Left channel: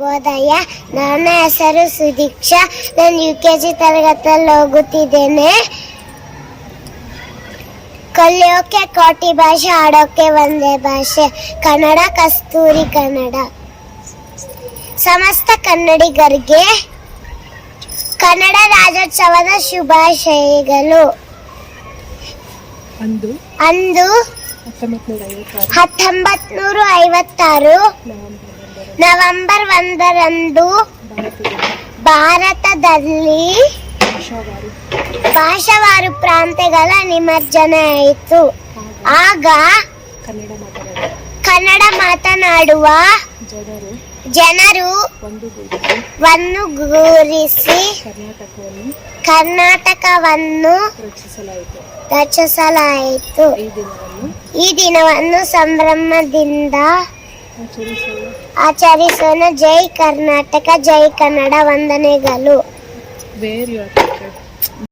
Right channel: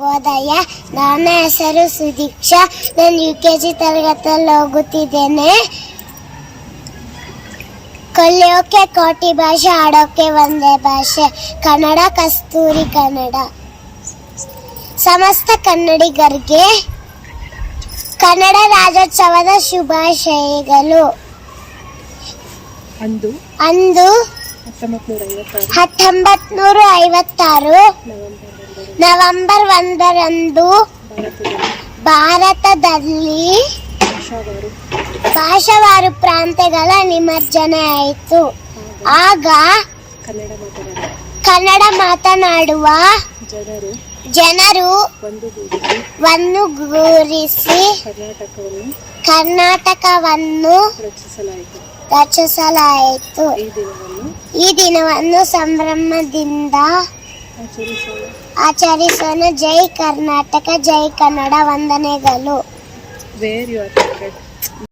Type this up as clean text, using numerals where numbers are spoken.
ಶುಭೋದಯ. ನನ್ನ ಹೆಸರು ಸುದೀಕ್ಷಾ. ನಾನು UKG ತರಗತಿಯಲ್ಲಿ ಹೋಗುತ್ತಿದ್ದೇನೆ. ಕಲಿಯೋಕೆ ಕೋಟಿ ಭಾಷೆ, ಆಡೋಕೆ ಒಂದೇ ಭಾಷೆ, ಕನ್ನಡ ಕಸ್ತೂರಿ ಕನ್ನಡ. ಸಮಸ್ತ ಕನ್ನಡಿಗರಿಗೆ ಕನ್ನಡ ರಾಜ್ಯೋತ್ಸವದ ಶುಭಾಶಯಗಳು. ಅಂದು 1956 ನವೆಂಬರ್ 1ರಂದು ಭಾರತದಲ್ಲಿ ಭಾಷಾವಾರು ಪ್ರಾಂತ್ಯಗಳ ವಿಮರ್ಶನೆ ಆಯಿತು. ಆಗ ಕನ್ನಡ ಮಾತನಾಡುವ ಜನರು ಒಂದುಗೂಡಿಸಿ ಕರ್ನಾಟಕವನ್ನು ರಚಿಸಲಾಯಿತು. ಈ ದಿನವನ್ನು ಸಂಭ್ರಮದಿಂದ ಆಚರಿಸೋಣ. ಜೈ ಕರ್ನಾಟಕ, ಜೈ ಕನ್ನಡ. ವಂದನೆಗಳು.